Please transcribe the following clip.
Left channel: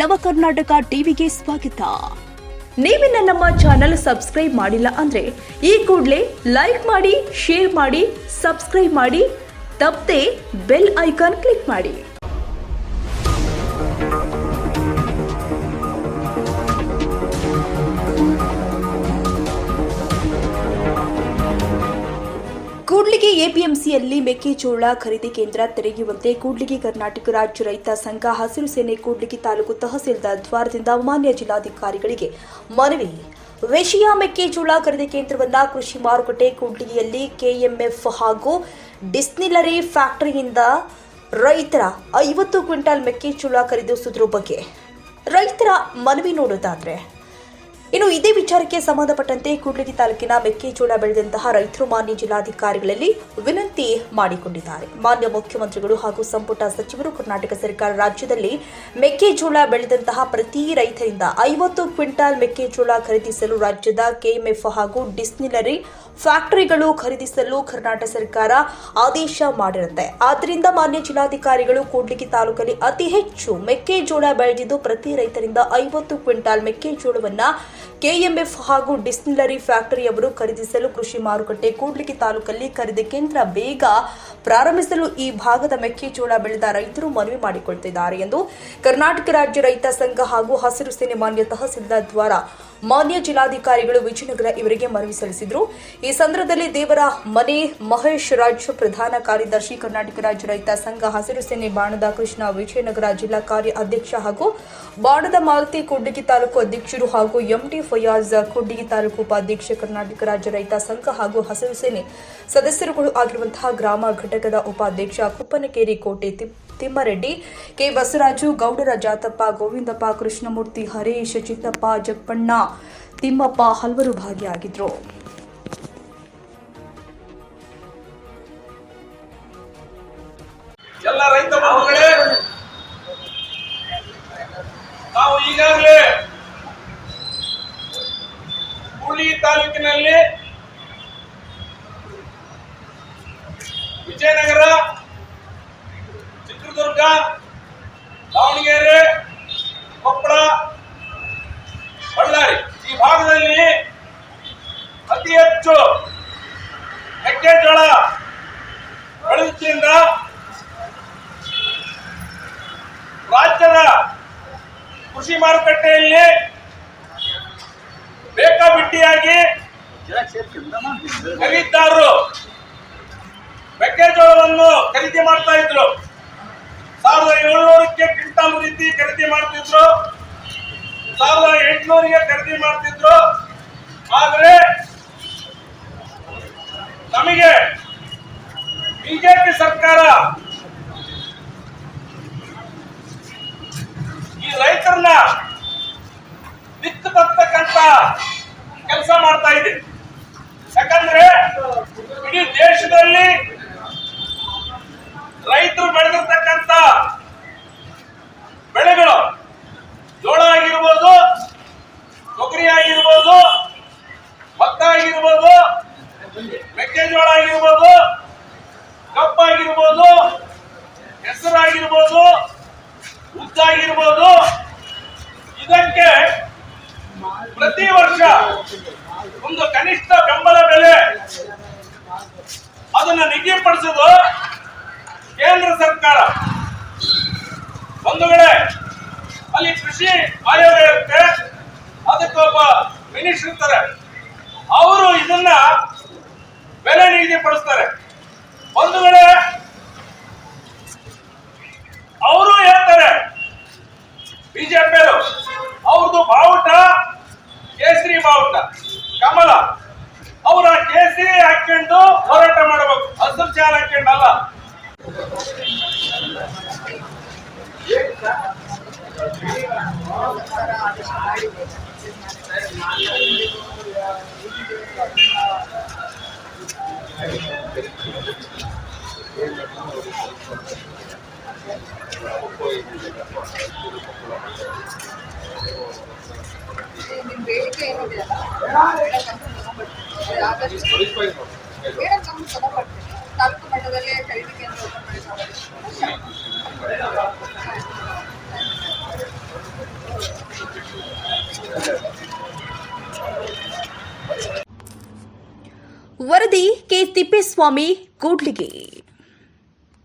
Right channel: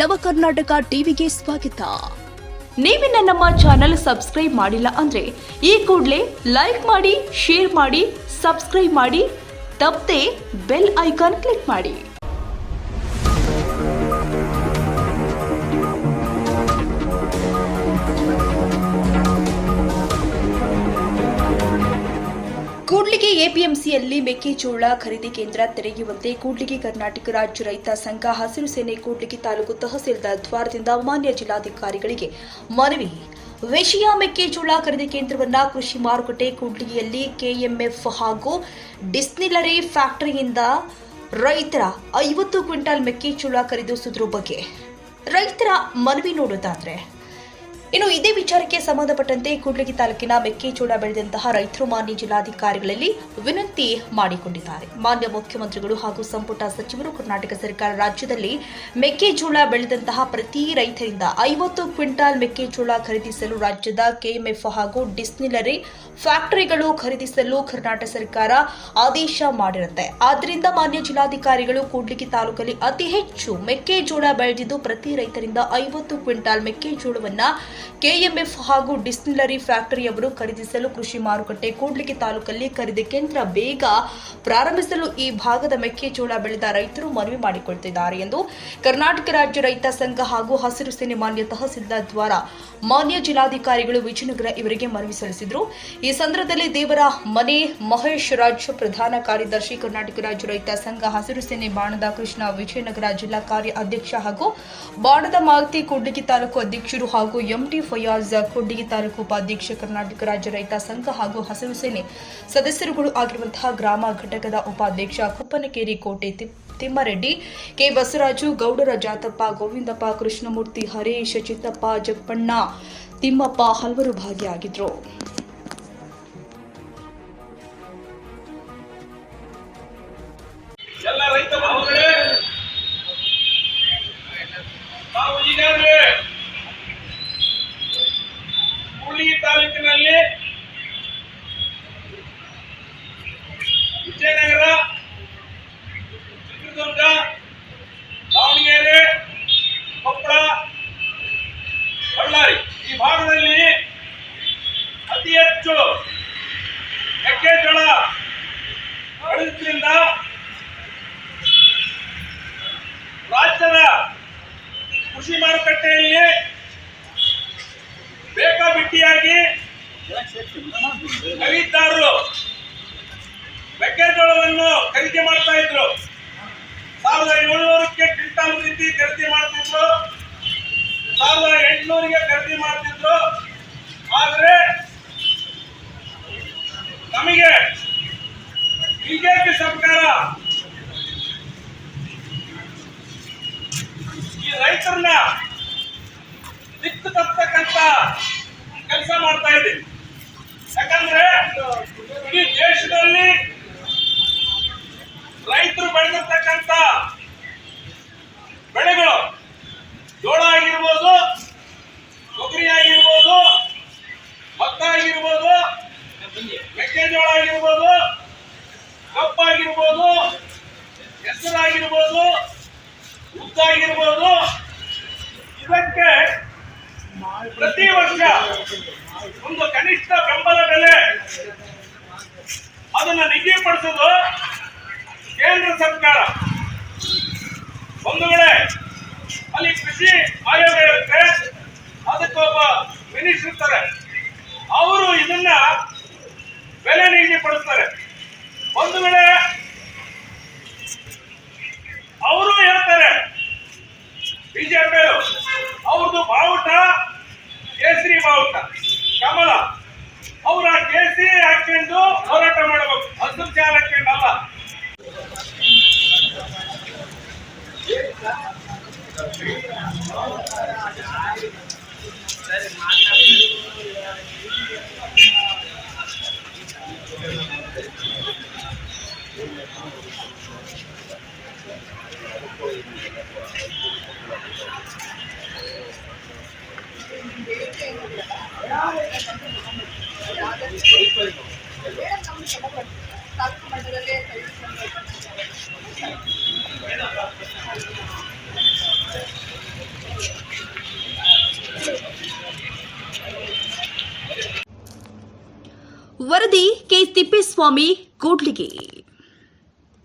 ನವಕರ್ನಾಟಕ ಟಿವಿಗೆ ಸ್ವಾಗತ. ನೀವಿನ್ನ ನಮ್ಮ ಚಾನೆಲ್ ಸಬ್ಸ್ಕ್ರೈಬ್ ಮಾಡಿಲ್ಲ ಅಂದ್ರೆ ಈ ಕೂಡಲೇ ಲೈಕ್ ಮಾಡಿ, ಶೇರ್ ಮಾಡಿ, ಸಬ್ಸ್ಕ್ರೈಬ್ ಮಾಡಿ, ತಪ್ಪದೆ ಬೆಲ್ ಐಕಾನ್ ಕ್ಲಿಕ್ ಮಾಡಿ. ಕೂಡ್ಲಿಗಿ ಎಪಿಎಂಸಿಯಲ್ಲಿ ಮೆಕ್ಕೆಜೋಳ ಖರೀದಿ ಕೇಂದ್ರ ತೆರೆಯುವಂತೆ ಕೂಡ್ಲಿಗಿ ಕರ್ನಾಟಕ ರಾಜ್ಯ ರೈತ ಸಂಘ ಹಸಿರು ಸೇನೆ ಕೂಡ್ಲಿಗಿ ತಾಲೂಕು ತಹಸೀಲ್ದಾರ್ ದ್ವಾರದಿಂದ ಮಾನ್ಯ ಜಿಲ್ಲಾಧಿಕಾರಿಗಳಿಗೆ ಮನವಿ. ವಿಷಯ ಮೆಕ್ಕೆಜೋಳ ಖರೀದಿ ಕೇಂದ್ರವನ್ನು ಕೃಷಿ ಮಾರುಕಟ್ಟೆ ಕೂಡ್ಲಿಗಿಯಲ್ಲಿ ಕೆಎಂಎಫ್ ಹಾಗೂ ಡಿಸ್ಟಿಲರಿ ಫ್ಯಾಕ್ಟರಿಯಿಂದ ರೈತರ 50 ಕ್ವಿಂಟಾಲ್ ಮೆಕ್ಕೆಜೋಳ ಖರೀದಿಸುವುದರ ಬಗ್ಗೆ ರೈತರ ಮನವಿ ನೋಡೋದಾದ್ರೆ, ಇನ್ನು ಇದೇ ವಿಚಾರಕ್ಕೆ ಸಂಬಂಧಪಟ್ಟಂತೆ ಕೂಡ್ಲಿಗಿ ತಾಲೂಕಿನ ಮೆಕ್ಕೆಜೋಳ ಬೆಳೆದಂತಹ ರೈತರು ಮಾನ್ಯ ಜಿಲ್ಲಾಧಿಕಾರಿಗಳಲ್ಲಿ ವಿನಂತಿ ಮಾಡಿಕೊಂಡಿದ್ದಾರೆ. ಮಾನ್ಯ ಮುಖ್ಯಮಂತ್ರಿಗಳು ಹಾಗೂ ಸಂಪುಟ ಸಚಿವರು ಕರ್ನಾಟಕ ಸರ್ಕಾರ ರಾಜ್ಯದಲ್ಲಿ ಮೆಕ್ಕೆಜೋಳ ಬೆಳೆದಂತಹ ಪ್ರತಿ ರೈತರಿಂದ 50 ಕ್ವಿಂಟಾಲ್ ಮೆಕ್ಕೆಜೋಳ ಖರೀದಿಸಲು ರಾಜ್ಯದ ಕೆಎಂಎಫ್ ಹಾಗೂ ಡಿಸ್ಟಿಲರಿ ಫ್ಯಾಕ್ಟರಿಗಳು ಖರೀದಿಸಲು ಕರ್ನಾಟಕ ಸರ್ಕಾರ ಆದೇಶ ಮಾಡಿರುತ್ತೆ. ಆದ್ದರಿಂದ ಮಾನ್ಯ ಜಿಲ್ಲಾಧಿಕಾರಿಗಳು ಕೂಡ್ಲಿಗಿ ತಾಲೂಕಲ್ಲಿ ಅತಿ ಹೆಚ್ಚು ಮೆಕ್ಕೆಜೋಳ ಬೆಳೆದಿದ್ದು ಪ್ರತಿ ರೈತರಿಂದ 50 ಕ್ವಿಂಟಾಲ್ ಮೆಕ್ಕೆಜೋಳವನ್ನ ಕೆಎಂಎಫ್ ಹಾಗೂ ಡಿಸ್ಟಿಲರಿ ಫ್ಯಾಕ್ಟರಿಯವರು ಖರೀದಿಸಲು ಕೃಷಿ ಮಾರುಕಟ್ಟೆ ಕೂಡ್ಲಿಗಿ ತಾಲೂಕಲ್ಲಿ ಖರೀದಿ ಕೇಂದ್ರ ಬೇಗ ಪ್ರಾರಂಭಿಸಲು ಈ ಭಾಗದ ಮೆಕ್ಕೆಜೋಳ ಬೆಳೆದ ರೈತರು ಮನವಿ ಮಾಡಿಕೊಳ್ತಿದ್ದಾರೆ ಎಂದು ಕರ್ನಾಟಕ ರಾಜ್ಯ ರೈತ ಸಂಘ ಹಾಗೂ ಹಸಿರು ಸೇನೆ ಮಾನ್ಯ ತಹಸೀಲ್ದಾರ್ ದ್ವಾರ ಮಾನ್ಯ ಜಿಲ್ಲಾಧಿಕಾರಿಗಳು ವಿಜಯನಗರ ಇವರಿಗೆ ಮನವಿ ಸಲ್ಲಿಸಿದರು. ಈ ಸಂದರ್ಭದಲ್ಲಿ ದೇವರ ಮನೆ ಮಹೇಶ್ ರಾಜ್, ಪ್ರಧಾನ ಕಾರ್ಯದರ್ಶಿ ಕರ್ನಾಟಕ ರಾಜ್ಯ ರೈತ ಸಂಘ ಹಸಿರು ಸೇನೆ ಬಾಣದ ಕೃಷ್ಣ, ವಿಜಯನಗರ ಜಿಲ್ಲಾ ಕಾರ್ಯ ಅಧ್ಯಕ್ಷ ಹಾಗೂ ಬಾಣದ ಮಾರುತಿ ಕೂಡ್ಲಿಗಿ ತಾಲೂಕು ಅಧ್ಯಕ್ಷರು ಹಾಗೂ ಎಂಟಿ ಫಯಾಜ್ ಕೂಡ್ಲಿಗಿ ತಾಲೂಕು ಉಪಾಧ್ಯಕ್ಷ, ಕರ್ನಾಟಕ ರಾಜ್ಯ ರೈತ ಸಂಘ ಹಾಗೂ ಹಸಿರು ಸೇನೆ ಸದಸ್ಯರುಗಳು ಆಗಿರುವಂತಹ ಗ್ರಾಮ ಘಟಕದ ಉಪಾಧ್ಯಕ್ಷ ಕುಪ್ಪನಕೇರಿ ಕೋಟೆ ತಿಮ್ಮರೆಡ್ಡಿ, ಕೆ ಬಸವರಾಜು, ಗೌಡರ ಜಾತಪ್ಪ, ಗೋವಿಂದಪ್ಪ, ಕೃಷ್ಣಮೂರ್ತಿ, ಹರೇಶ್, ಚಿತ್ತಪ್ಪ, ಜಪ್ಪಣ್ಣ, ತಿಮ್ಮಪ್ಪ ಹಲವರು ಭಾಗಿಯಾಗಿದ್ದರು. ಎಲ್ಲ ರೈತ ಬಂಧುಗಳೇ, ನಾವು ಈಗಾಗಲೇ ಕೂಡ್ಲಿಗಿ ತಾಲೂಕಿನಲ್ಲಿ ವಿಜಯನಗರ, ಚಿತ್ರದುರ್ಗ, ದಾವಣಗೆರೆ, ಕೊಪ್ಪಳ, ಬಳ್ಳಾರಿ ಈ ಭಾಗದಲ್ಲಿ ಅತಿ ಹೆಚ್ಚು ಮೆಕ್ಕೆಜೋಳ ಬೆಳೆಯುವುದರಿಂದ ರಾಜ್ಯದ ಕೃಷಿ ಮಾರುಕಟ್ಟೆಯಲ್ಲಿ ಬೇಕಾಬಿಟ್ಟಿಯಾಗಿ ಖರೀದಿದಾರರು ಮೆಕ್ಕೆಜೋಳವನ್ನು ಖರೀದಿ ಮಾಡ್ತಾ ಇದ್ರು. 1700ಕ್ಕೆ ಕ್ವಿಂಟಾಲ್ ರೀತಿ ಖರೀದಿ ಮಾಡ್ತಿದ್ರು, 1800ಗೆ ಖರೀದಿ ಮಾಡ್ತಿದ್ರು. ಆದ್ರೆ ನಮಗೆ ಬಿಜೆಪಿ ಸರ್ಕಾರ ಈ ರೈತರನ್ನ ದಿಕ್ಕು ತಪ್ಪತಕ್ಕಂತ ಕೆಲಸ ಮಾಡ್ತಾ ಇದೆ. ಯಾಕಂದ್ರೆ ಇಡೀ ದೇಶದಲ್ಲಿ ರೈತರು ಬೆಳೆದಿರ್ತಕ್ಕಂಥ ಬೆಳೆಗಳು ಜೋಳ ಆಗಿರ್ಬೋದು, ತೊಗರಿ ಆಗಿರ್ಬೋದು, ಭತ್ತ ಆಗಿರ್ಬೋದು, ಮೆಕ್ಕೆಜೋಳ ಆಗಿರ್ಬೋದು, ಕಪ್ಪಾಗಿರ್ಬೋದು, ಹೆಸರಾಗಿರ್ಬೋದು, ಉದ್ದಾಗಿರ್ಬೋದು, ಇದಕ್ಕೆ ಪ್ರತಿ ವರ್ಷ ಒಂದು ಕನಿಷ್ಠ ಬೆಂಬಲ ಬೆಲೆ ಅದನ್ನ ನಿಗದಿಪಡಿಸೋದು ಕೇಂದ್ರ ಸರ್ಕಾರ. ಬಂಧುಗಳೇ, ಅಲ್ಲಿ ಕೃಷಿ ಆಯೋಗ ಇರುತ್ತೆ, ಅದಕ್ಕೊಬ್ಬ ಮಿನಿಸ್ಟರ್ ಇರ್ತಾರೆ, ಅವರು ಇದನ್ನ ಬೆಲೆ ನಿಗದಿಪಡಿಸ್ತಾರೆ. ಬಂಧುಗಳೇ, ಅವರು ಹೇಳ್ತಾರೆ ಬಿಜೆಪಿಯವರು, ಅವ್ರದ್ದು ಬಾವುಟ ಕೇಸರಿ ಬಾವುಟ, ಕಮಲ, ಅವರ ಕೇಸರಿ ಹಾಕೊಂಡು ಹೋರಾಟ ಮಾಡಬೇಕು, ಹಸಿರು ಚಾಲ ಹಾಕೊಂಡಲ್ಲ. ತಾಲೂಕು ಮಟ್ಟದಲ್ಲೇ ಖರೀದಿ ವರದಿ ಕೆ ತಿಪ್ಪೇಸ್ವಾಮಿ ಕೂಡ್ಲಿಗಿ.